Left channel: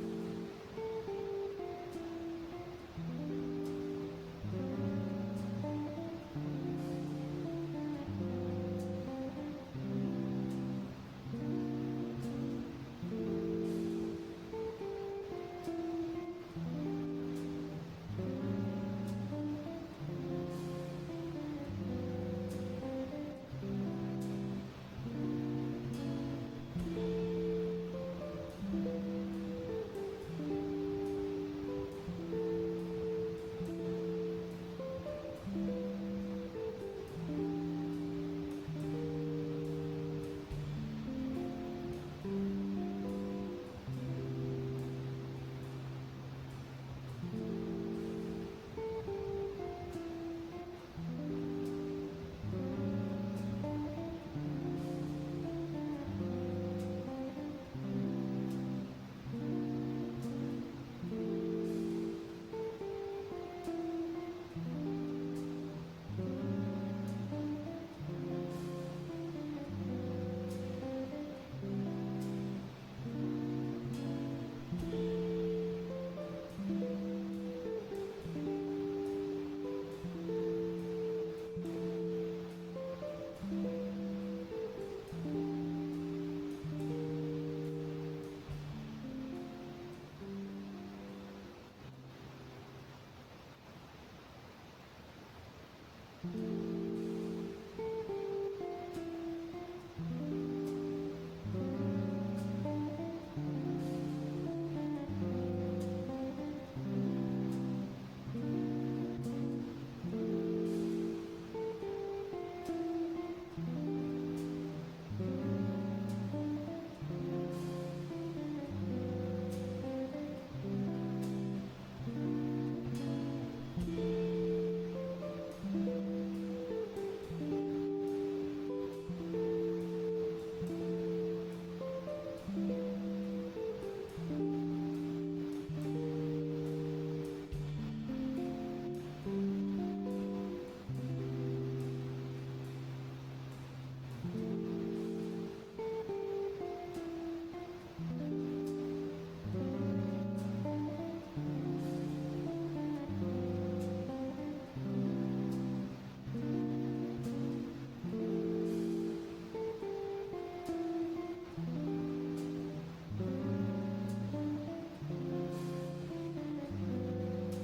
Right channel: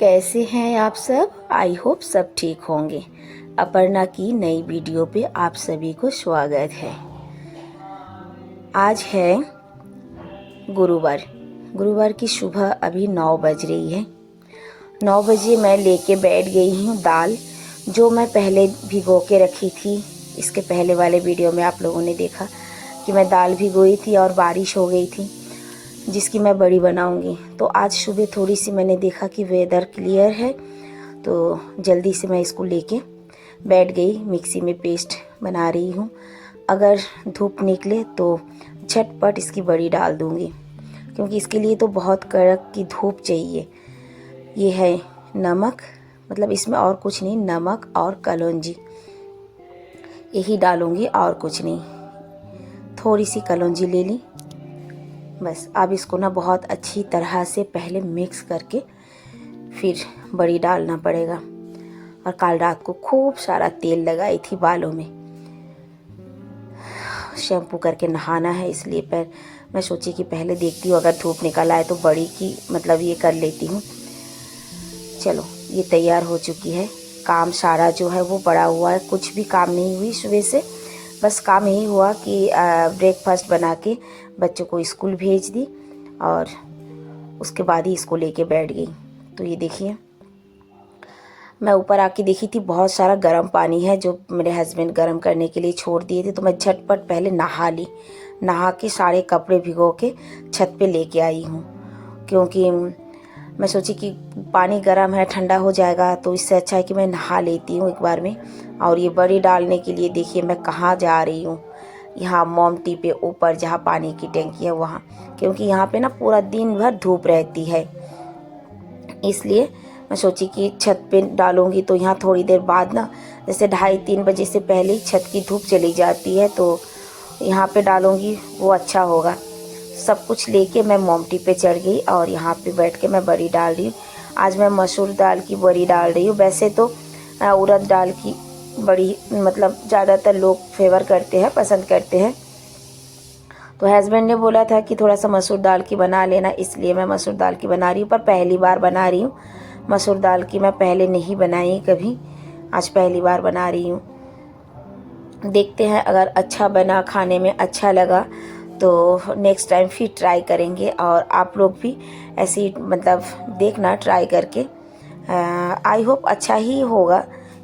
कैसे हैं आप सब। आई होप सब ठीक होंगे। अपर्णा की नई वीडियो पे आप सभी को स्वागत है। आज है गुरुवार की सुबह अभी 9 बज रही है। 9 बजे मैं लेके बैठ गई हूँ दाल, जो मैं पहले भिगो के रखी थी। इसके पहले वाले वीडियो में आप लोगों ने देखा कि मैं दाल भिगोई थी और बारिश हो गई थी, जिसकी मैं बड़ी बनाऊंगी। तो आज सुबह थोड़ी सी मैंने देखा कि वेदर क्लियर है, तो जल्दी से मैं इसको लेके बैठ गई। मिक्सी में पेस्ट बना रही हूँ। अगर धूप निकले तो झटपट इसकी बड़ी डाल दूँगी, क्योंकि इसके लिए तो बहुत कड़क की धूप चाहिए। ये है नमक, मतलब इसमें और कुछ नहीं, नमक और कलौंजी यही डालूँगी और कुछ नहीं। थोड़ी सी कलौंजी ले ली बस। अब इसको ना बहुत अच्छी तरह से पहले मिक्स करके फिर बड़ी डालना पड़ेगा। और कल रात को खूब सारा तेल लगाई थी बालों में, शैम्पू करके नहाना है, इसलिए मैं सोची कि पहले देखती हूँ अगर धूप निकल आए तो बड़ी की मतलब ये कर लेती हूँ। चलो ये तैयार हो चुकी है। काम सारा जो है वो पड़ा हुआ है, कुछ भी काम नहीं हुई सुबह से। बस काम यही हुआ कि ब्रेकफास्ट बना के बच्चों को स्कूल भेज दी और उसके बाद ही इसको लेके बैठ गई। तो ये देखिए, मैं ऊपर आके देखी थी बहुत सारा गर्म पानी है जो मेरे हस्बैंड गर्म करने के लिए छोड़ दिए थे। तो मैं झटपट पहले नहा ली, नहा के सारे कपड़े भिगो के छत पे लेके आई हूँ, क्योंकि मैं सोची कि पानी गर्म है, ठंडा हो जाएगा, तो इससे अच्छा है कि मैं नहा लेती हूँ एक बार में। और ये बड़ी डालने के लिए देखिए मैं कहाँ जा रही हूँ, यहाँ मोमटी पे ऊपर जहाँ पानी की टंकी है वहाँ, क्योंकि यहाँ पे ना पूरा दिन भर धूप रहती है। इसलिए मैं सोची कि छत पे डालूंगी तो यहाँ थोड़ी देर बाद ना, जैसे 2:30-3 बजे से पहले ही छत की धूप चली जाती है, तो यहाँ पे डालूंगी वो अच्छा होगा। सब कुछ लेके मैं मोमटी पे चढ़ गई और यहाँ पे बैठ के मैं बड़ी डाल रही हूँ। आज मैं मसूर दाल की बड़ी डाल रही हूँ। वैसे तो उड़द दाल की बड़ी मतलब ज़्यादातर लोग फेवर करते हैं, पसंद करते हैं। तो हस्बैंड ने बोला था कि थोड़ा सा मसूर दाल की बना लेना, इसलिए मैं मसूर दाल की बना रही हूँ। पर पहली बार बना रही हूँ मसूर दाल की, मैं पहले नहीं बनाई कभी, आज पहली बार बना रही हूँ। देखते हैं, अगर अच्छा बना, खाने में अच्छा लगा तो नेक्स्ट टाइम फिर ट्राई करेंगे। और आप लोग भी ऐसी मतलब देखना ट्राई करके। आई होप अच्छा ही होगा,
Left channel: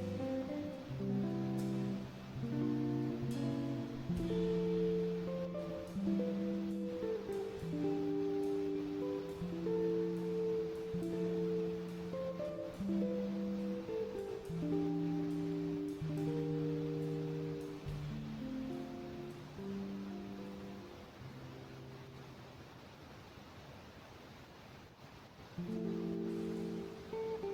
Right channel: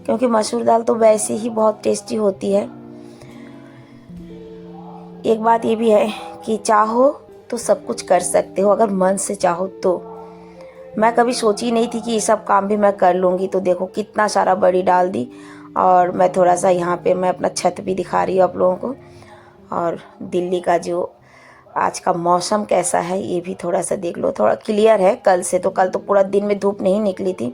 क्योंकि मसूर दाल तो वैसे ही बहुत टेस्टी होती है। एक बात ये भी है कि चाहो तो सब कुछ कर सकते हो, अगर मन से चाहो तो। मैं कभी सोची नहीं थी कि ये सब काम भी मैं कर लूँगी। तो देखो कितना सारा बड़ी डाल दी। और मैं थोड़ा सा यहाँ पे मैं अपना छत भी दिखा रही हूँ आप लोगों को। और दिल्ली का जो आज का मौसम कैसा है ये भी थोड़ा सा देख लो, थोड़ा क्लियर है कल से। तो कल तो पूरा दिन में धूप नहीं निकली थी।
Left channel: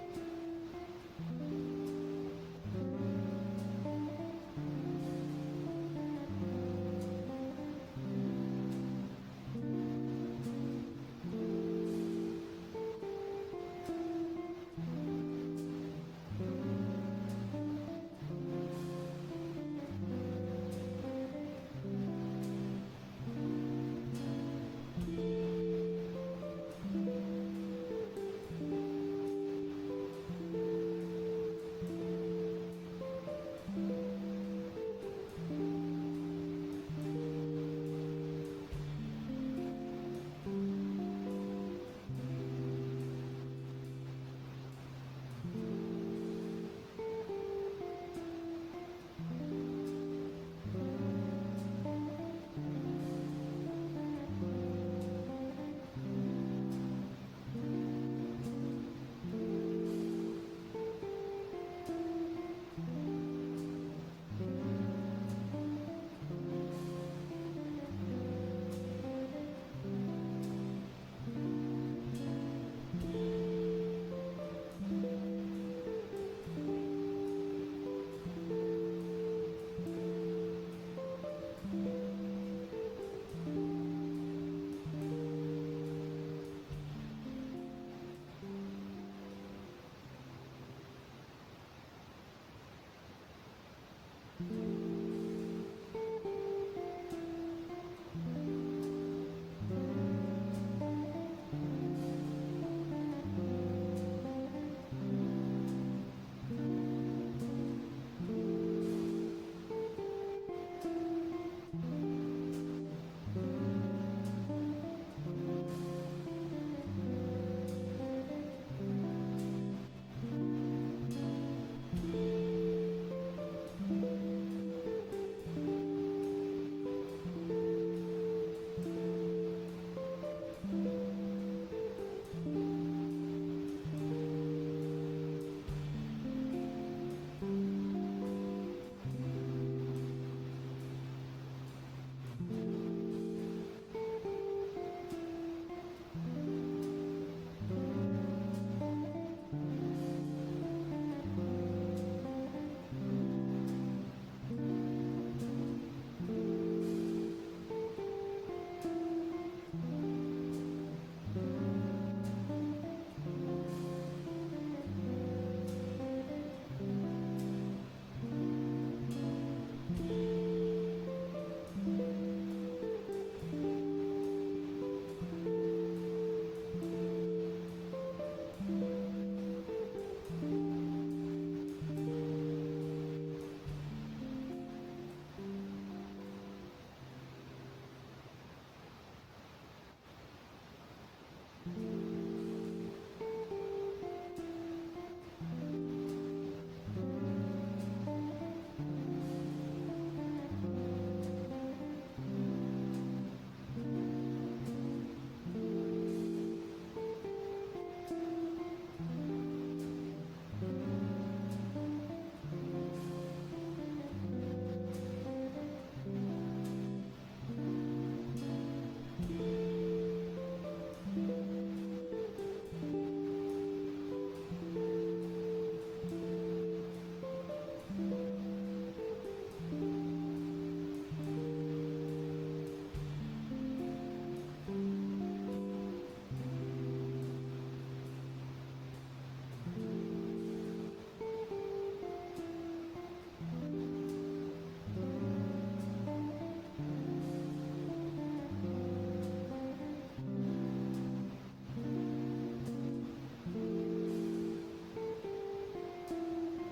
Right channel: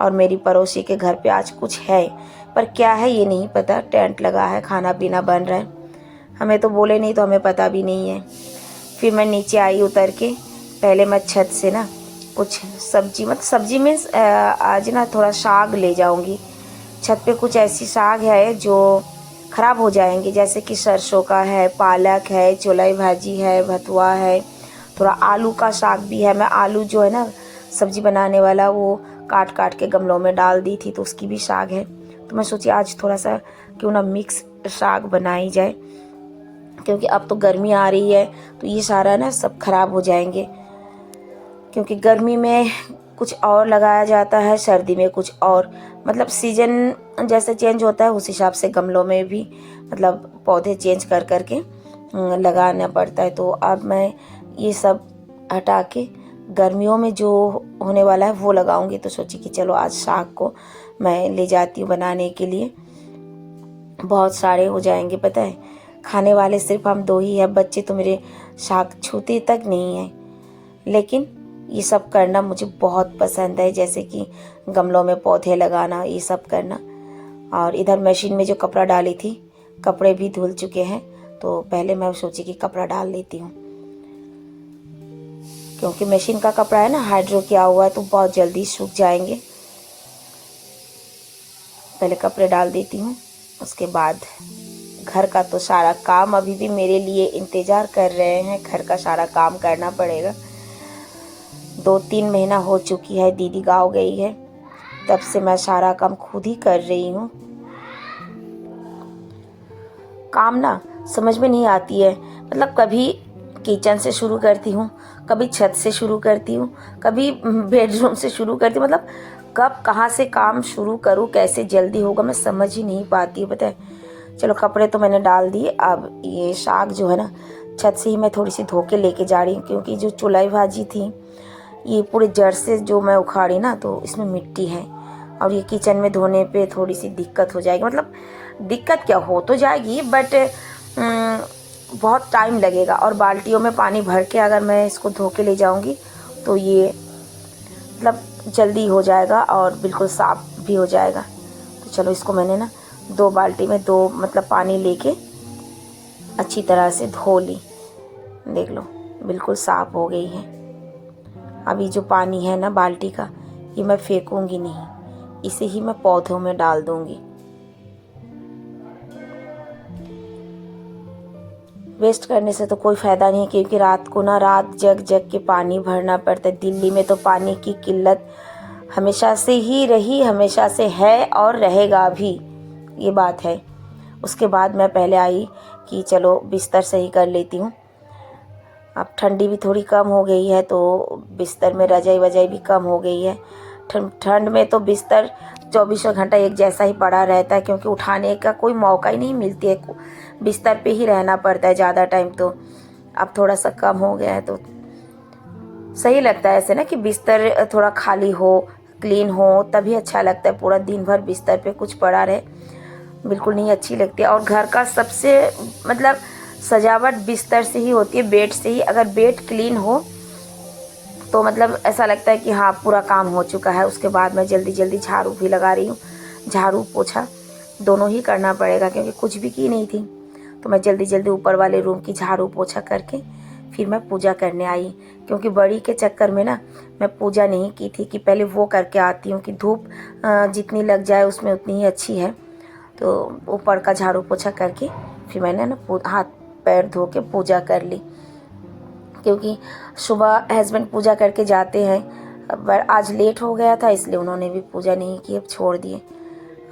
और मेरी पड़ोसी के घर पे आज कुछ है, पर क्या है ये नहीं पता। टेंट लगा है, खाना पीना बन रहा है, हमें तो बोले नहीं तो हमें पता भी नहीं है। फिर मैं नीचे आई उतर के, पहले मैं छत से ना कुछ सब्जी, मतलब सब्जी में आज ना थोड़ा साग ले जाऊंगी। छत पे कुछ ऐसी साग है जो ख़राब हो जाएंगे, जैसे कि सरसों का है, पालक है, चौलाई भाजी है, भथुआ है, थोड़ा आलू का साग भी है। मैं आलू जो है ना सब्जी बनाने वाला, वो काट काट के गमलों में डाल दी थी, तो उसकी भी साग है। तो मैं सोची आज थोड़ा सा क्यों ना मिक्स साग बनाई जाए, क्योंकि अब तो गर्मी आ रही है तो ये सारा ना सब खराब हो जाएंगे। क्योंकि गर्मी में कुछ और लगाया जाता है, सर्दी में कुछ और, मतलब सीजन जैसे चेंज होता है उस हिसाब से गमलों में भी मतलब पौधे चेंज कर करके लगाना पड़ता है। तो अब मैं ये सब हटा के गर्मियों में जो होने वाला है वो लगाऊंगी। तो सोची कि चलो आज साग को मैं ले जाती हूँ बनाने के लिए। बहुत सारे हो जाएंगे, पता है, खाने वाले सिर्फ हम 2 ही हैं। बच्चे तो मेरे साग छूते तक नहीं हैं। लेकिन ये सब करना मुझे बहुत पसंद है, जैसे कि गमलों में पौधे लगाना, ये सब करना। और इधर मशीन में जो कपड़ा डाली थी, कपड़े भी धुल चुके हैं, तो पहले मैं सोची कि कपड़ा डाल लेती हूँ, क्योंकि मशीन का कपड़ा है ना हाइड्रो किया हुआ है तो बहुत जल्दी सूख जाएंगे। पहले कपड़े डाल देती हूँ, उसके बाद घर का तो सारा काम अभी भी मेरे लिए इंतज़ार कर रहे हैं। घर का सारा काम करना पड़ेगा। 2-3 महीना हो चुकी है दीदी गाँव गई है, तब से मैं सारा काम खुद ही कर रही हूँ। काम ना समझ में नहीं आती है, मतलब कभी किचन से शुरू करती हूँ, कभी छत से शुरू करती हूँ, कभी बेडरूम से शुरू करती हूँ। मतलब कब कहाँ से काम शुरू करूँ, कैसे जल्दी होगा, मैं समझ ही नहीं पाती हूँ, पता है। चलो कपड़े तो मैंने डाल दिए, अब ये साग जो है ना छत से ही मैं थोड़ी सी धो के लेके जा रही हूँ, क्योंकि जो चुलाई भाजी थी ये पूरे जड़ से जो मैं उखाड़ी ना, तो इसमें मिट्टी है और ये किचन में धोने पे थोड़ी सी दिक्कत हो जाएगी। मतलब दिक्कत क्या हो तो जाएगी, बट बहुत टाइम लगेगा। और बाल्टियों में पानी भर के अगर मैं इसको धो के ले जाऊंगी तो ये मतलब जल्दी हो जाएगा और बिल्कुल साफ़ भी हो जाएगा। तो चलो इसको मैंने ना 2 बाल्टी में 2 मतलब पानी लेके अच्छी तरह से धो ली। देख लो बिल्कुल साफ़ हो गई है। अभी जो पानी है ना बाल्टी का, ये मैं फेंकूंगी नहीं, इसे ही मैं पौधों में डाल दूंगी। वेस्ट करने से तो कोई फ़ायदा नहीं, क्योंकि रात को ना रात जग जग के पानी भरना पड़ता है। दिल्ली में तो पानी की किल्लत हमेशा से ही रही, हमेशा से है और रहेगा भी, ये बात है। उसके बाद मैं पहले आई कि चलो बिस्तर सही कर लेती हूँ। अब ठंडी भी थोड़ी कम हो गई है, तो बिस्तर में रजाई वजाई भी कम हो गई है। ठंड में तो बिस्तर 24 घंटा एक जैसा ही पड़ा रहता है, क्योंकि उठाने का कोई मौका ही नहीं मिलती है, बिस्तर पे ही रहना पड़ता है ज़्यादा टाइम। तो अब थोड़ा सा कम हो गया है तो सही लगता है ऐसे ना, कि बिस्तर थोड़ा खाली हो, क्लीन हो, तभी अच्छा लगता है। पूरा दिन भर बिस्तर पे कुछ पड़ा रहे बिल्कुल नहीं अच्छी लगती है। और घर का सबसे मतलब सजावट बिस्तर से ही होती है, बेड से ही। अगर बेड क्लीन हो तो मतलब ऐसा लगता है कि हाँ पूरा काम हो चुका है। उसके बाद मैं जल्दी जल्दी झाड़ू भी लगा रही हूँ, झाड़ू पोछा दोनों ही करना पड़ेगा, क्योंकि कुछ भी की नहीं थी। तो मैं जल्दी जल्दी ऊपर वाले रूम की झाड़ू पोछा करके फिर मैं पूजा करने आई, क्योंकि बड़ी के चक्कर में ना मैं पूजा नहीं की थी, कि पहले वो करके आती हूँ कि धूप जितनी लग जाए उसमें उतनी ही अच्छी है। तो ऊपर का झाड़ू पोछा करके फिर मैंने ना हाथ पैर धो के पूजा कर ली, क्योंकि सुबह हस्बैंड पूजा करके जाते हैं। पर आज लेट हो गया था, इसलिए उन्होंने भी पूजा नहीं की, अब छोड़ दिए।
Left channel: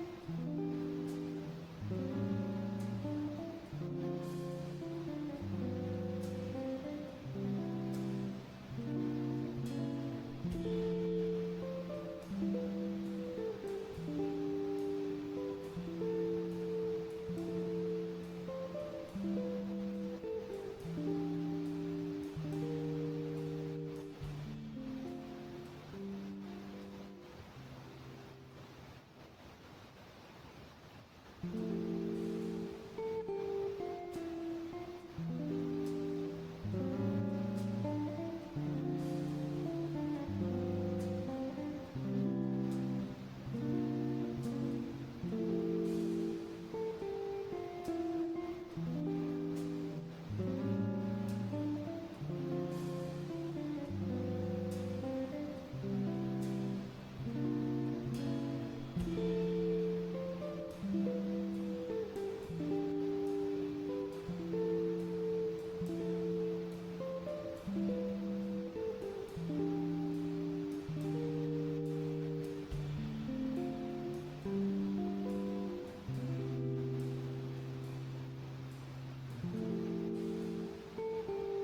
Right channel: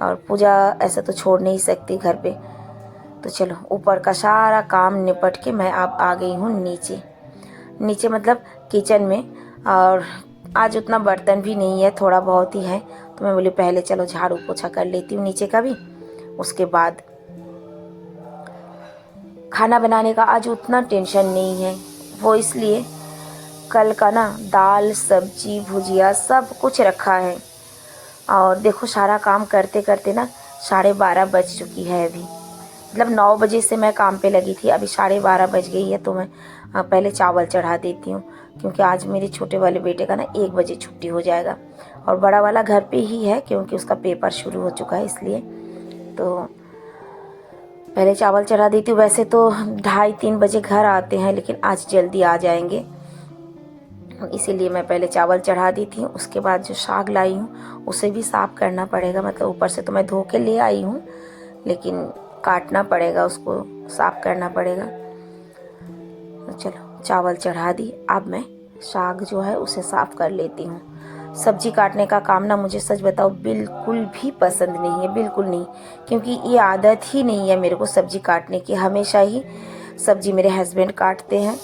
और पूजा ऐसा तो छोड़ नहीं सकती घर पे। तो चलो ऊपर का सारा काम निपट के मैं अब आ गई हूँ नीचे। नीचे मतलब किचन में। और आज उतना बर्तन भी नहीं है, थोड़ा बहुत ही है, तो मैं बोली पहले चलो झाड़ू पोछा कर लेती हूँ नीचे का भी, उसके बाद खाना बनाने का आज उतना टेंशन नहीं है। वो इसलिए कल का ना दाल सब्जी भुजिया सब कुछ रखा है। और देखो सारा काम करते करते ना 12:30 बज चुकी है अभी। मतलब 9 बजे से मैं काम पे लगी थी, अभी 12:30 बज गई है। तो मैं पहले चावल चढ़ा देती हूँ, क्योंकि आज मेरे छोटे वाले बेटे का ना 1 बजे छुट्टी हो जाएगा, और बड़ा वाला घर पे ही है क्योंकि उसका पेपर शुरू हो चुका है, इसलिए तो पहले चावल चढ़ा देती हूँ। वैसे तो 2:30-3 बजे घर आते हैं, लेकिन आज जल्दी आ जाएंगे, इसीलिए मैं पहले चावल चढ़ा दी थी। उसके बाद जो साग लाई हूँ उसे भी साफ़ करना पड़ेगा। मतलब ऊपर से तो मैं धो के ले आई हूँ, लेकिन काटना पड़ेगा, उसको साफ़ करना पड़ेगा। तो चलो चावल चढ़ा दी, अब मैं साग जो है उसे साफ़ कर लेती हूँ। सब्जी काटने का काम ना मुझे सच बताओ बिल्कुल भी पसंद नहीं है, बिल्कुल नहीं, क्योंकि ये आदत ही नहीं है मेरे को सब्जी काटने की। हमेशा ही सब्जी मेरे हस्बैंड काटते हैं,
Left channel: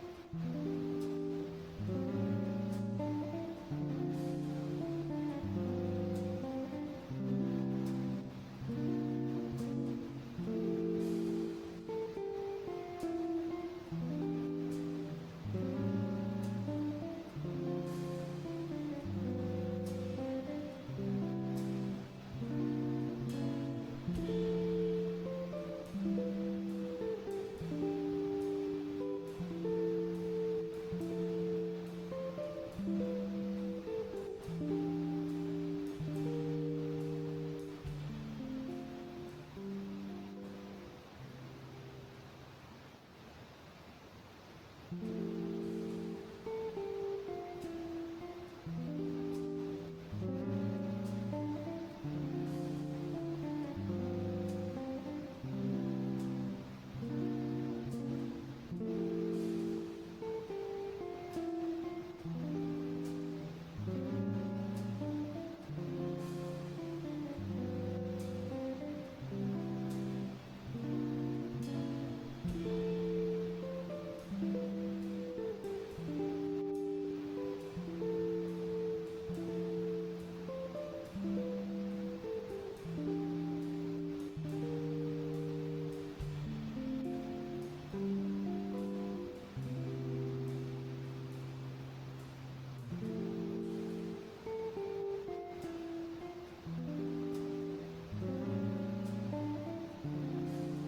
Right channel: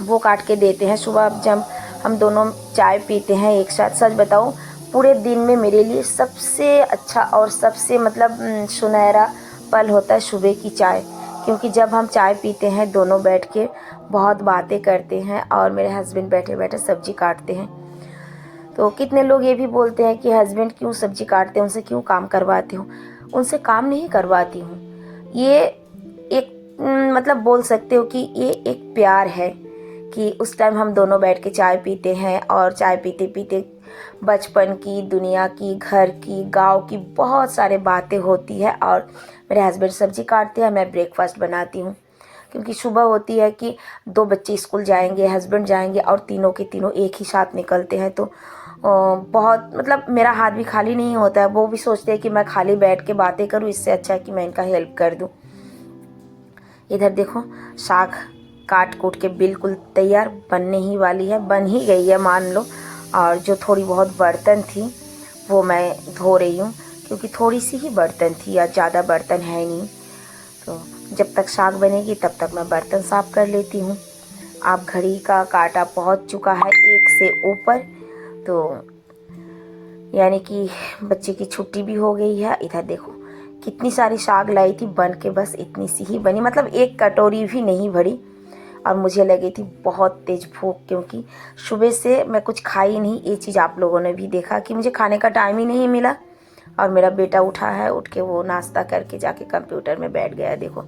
वो काट के देते हैं। सुबह जब हम दोनों चाय पीते हैं एक साथ, सच बताऊं पूरे दिन में मेरे लिए सबसे अच्छा और सबसे मतलब सुनहरा पल होता है सुबह की चाय, क्योंकि जब हम चाय पीते हैं दोनों बैठ के बहुत बातें करते हैं, और मेरे हस्बैंड बैठे बैठे सब्जी काटते हैं। तो कितने लोग ये भी बोलते हैं कि हस्बैंड क्यों सब्जी काटते हैं, उनसे क्यों काम करवाती हूँ। उनसे काम नहीं करवाती हूँ, ये एक मतलब बोल सकते हो कि ये एक प्यार है, कि उस टाइम हम दोनों बैठ के चाय पीते हैं, और चाय पीते पीते बचपन की, दुनिया की, घर की, गांव की बहुत सारे बातें होती है। और मेरे हस्बैंड सब्जी काटते हैं, मैं ब्रेकफास्ट बनाती हूँ, क्योंकि सुबह होती है कि 2 बच्चे स्कूल जाएंगे, हस्बैंड जाएंगे, और तीनों के तीनों एक ही साथ निकलते हैं। तो बहुत मतलब मेरा हाथ भी खाली नहीं होता है। वो भी सोचते हैं कि मैं खाली बैठ के बातें करूँ, इससे अच्छा है कि मैं इनका हेल्प कर दूँ। इधर देखो साग काट कूट के बिल्कुल तैयार बनने ही वाली है, बन ही गई है मान लो। और जो थोड़ी बहुत बर्तन थी वो मैं धो रही हूँ, क्योंकि थोड़ी सी ही बर्तन थी या ज़्यादा बर्तन है नहीं। तो जब तक साग बनेगी तब तक मैं बर्तन साफ़ कर लेती हूँ। आप घड़ी का कांटा पहुँच चुका है 1 से ऊपर, तो यानी कि बच्चे की छुट्टी भी हो गई है। इधर देखो कितनी सारी साग लाई थी, बन के बस इतनी सी ही बनी, मतलब 1 कटोरी भी नहीं भरी। और मुझे लगी थी बहुत तेज़ भूख, क्योंकि सुबह से मैं कुछ खाई नहीं। ये चीज़ आप लोगों ने भी देखा कि मुझे खाने का टाइम ही नहीं मिला। और मेरा बेटा उठा है, उठ के वो नाश्ता करके जाके कंप्यूटर में बैठ गया। देखो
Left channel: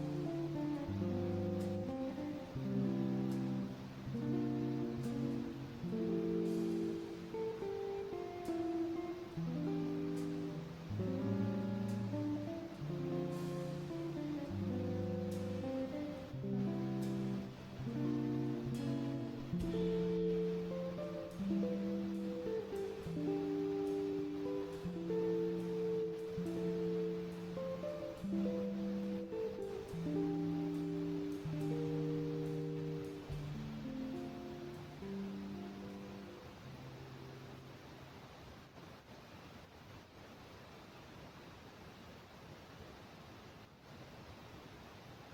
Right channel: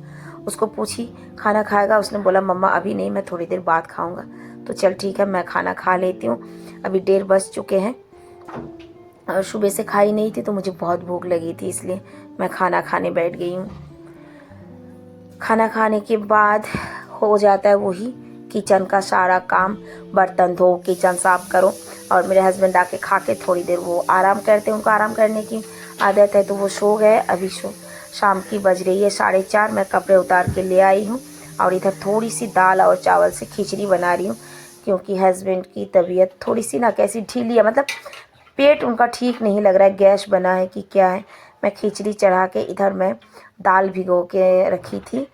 उसको पूछी खाना खाएगा, उसने बोला मम्मा अभी नहीं, मैं थोड़ी देर बाद खाऊंगा। तो चल ठीक है, मैं खाना खा लेती हूँ। अभी 1:30 बज चुके हैं और सुबह से खाई नहीं थी, तो मुझे बहुत भूख लगी थी, इसलिए मैं खाना खाने बैठ गई हूँ। खाना खाने के बाद हो जाता है वही किचन का सारा काम, बर्तन धो, किचन साफ करो। और मेरे हस्बैंड आके खा के थोड़ी देर वो आराम करते हैं, उनको आराम करने की आदत है, तो वो सो गए। अभी शाम की बज रही है 4:30। मैं कपड़े उतार के ले आई हूँ और इधर थोड़ी सी दाल और चावल से खिचड़ी बना रही हूँ, क्योंकि हस्बैंड की तबीयत थोड़ी सी ना कैसी ढीली है, मतलब पेट उनका ठीक नहीं लग रहा है, गैस बना है कि क्या है। मैं खिचड़ी चढ़ा के इधर मैं दाल भिगो के रखी थी।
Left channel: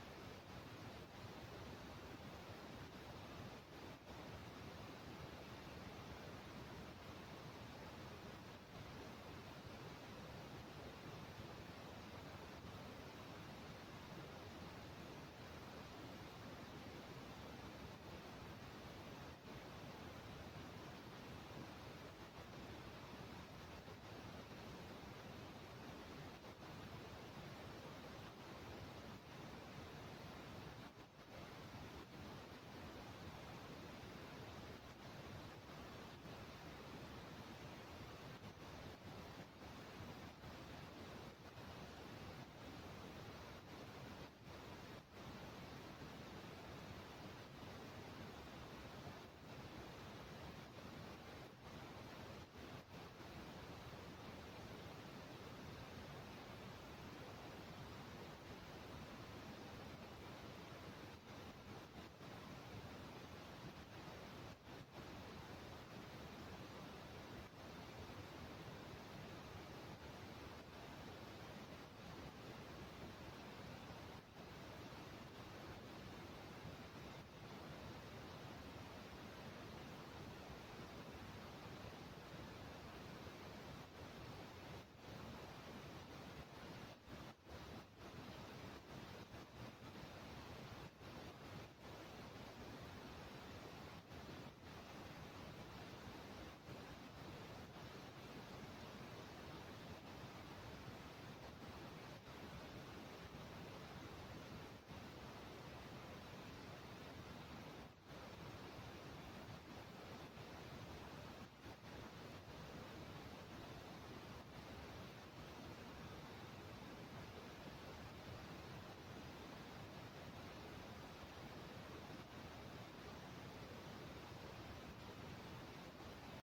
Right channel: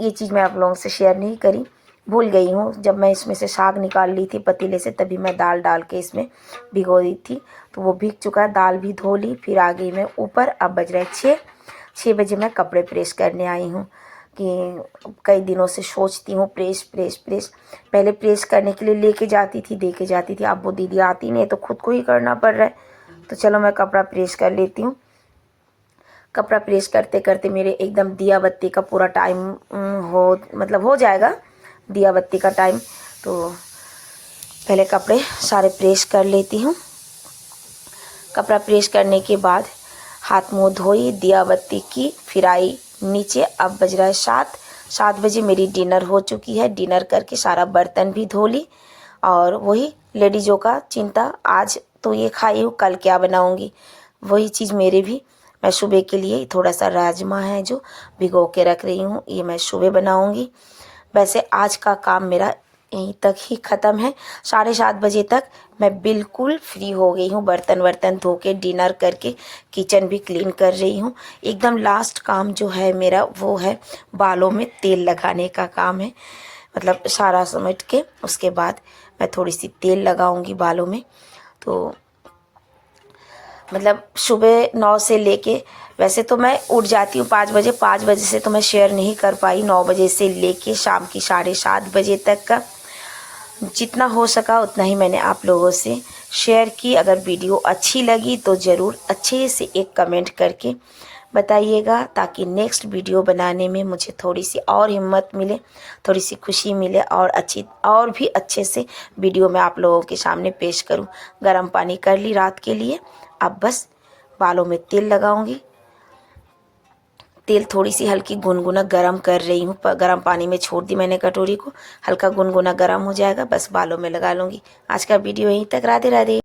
ये चीज़ मैं आप लोगों से शेयर नहीं करी, भूल गई हूँ। जब मैं इसमें से साग निकाल ली थी पतीले से, तभी मैं दाल डाल के इसमें भिगो दी थी। तो वो भीग चुका है, दाल भी धो ली। फिर आ गई मैं ऊपर। अब बज रहे 6 बजे मैं कपड़े प्रेस करने आई हूँ, कि कई दिनों से सोचती हूँ प्रेस प्रेस प्रेस। पहले प्रेस करने के लिए लेके जाती थी, दे के जाती थी। अब वो दीदी आती नहीं, तो खुद को ही करना पड़ रहा है। तो चलो मैं कपड़ा प्रेस कर लेती हूँ। कपड़ा प्रेस करते करते मेरे एकदम दिया बत्ती का पूरा टाइम हो जाएगा, दिया बत्ती का टाइम। तो पहले कपड़े सारे प्रेस कर लेती हूँ। कपड़ा प्रेस करने के बाद हाथ मुंह धोई, दिया बत्ती की, फिर आई नीचे। अब बज रहा है 7 बजे मेरी डिनर हो चुकी है। डिनर करके सारा बर्तन भी धो ली। और वही लेडीज़ों का चिंता, आज तो ये खाई हूँ, कल क्या बनाऊँगी, वही चीज़ मेरे भी। मैं सुबह के लिए थोड़ा सा राजमा है जो भिगो के रख रही हूँ, ये मैं सुबह बनाऊँगी। वैसे आज का काम मेरा यहीं तक ही ख़त्म है। 7:30 बजे तक मैं बिल्कुल फ्री हो गई हूँ, बर्तन वर्तन धो के, डिनर करके, किचन भी क्लीन कर रही हूँ। एकदम लास्ट काम जो है मेरा वो है बालों में तेल लगाने का काम है। मतलब सारा समेट के उसके बाद मैं थोड़ी सी तेल लगाऊंगी बालों में। तो मतलब सुबह 9 से लेके, वैसे तो मैं उठ जाती हूँ 5 बजे। 5 बजे से तो मैं शेयर नहीं कर पाई। 9 बजे से लेके शाम की 7:30 बजे तक का जितना हो सका उतना ही मैंने आप लोगों से शेयर की। अगर वीडियो अच्छी लगी तो ज़रूर अच्छे से एक कमेंट करके बताइएगा, ताकि नेक्स्ट वीडियो बनाने में मुझे थोड़ी सी और हिम्मत मिले, थोड़ी सी खुशी मिले, और भी अच्छे से वीडियो मैं आप लोगों के सामने पेश करूं। गर्म पानी कर ली रात के लिए, अब बस बालों में तेल लगाऊंगी। तेल थोड़ी सी हल्की गुनगुना गरम कर रही हूँ, गरम पानी में छोड़ दी मैंने कटोरी को, हल्का गुनगुना गरम हो जाएगा, बस बालों में लगा लूँगी। आज का वीडियो यहीं तक। राधे राधे।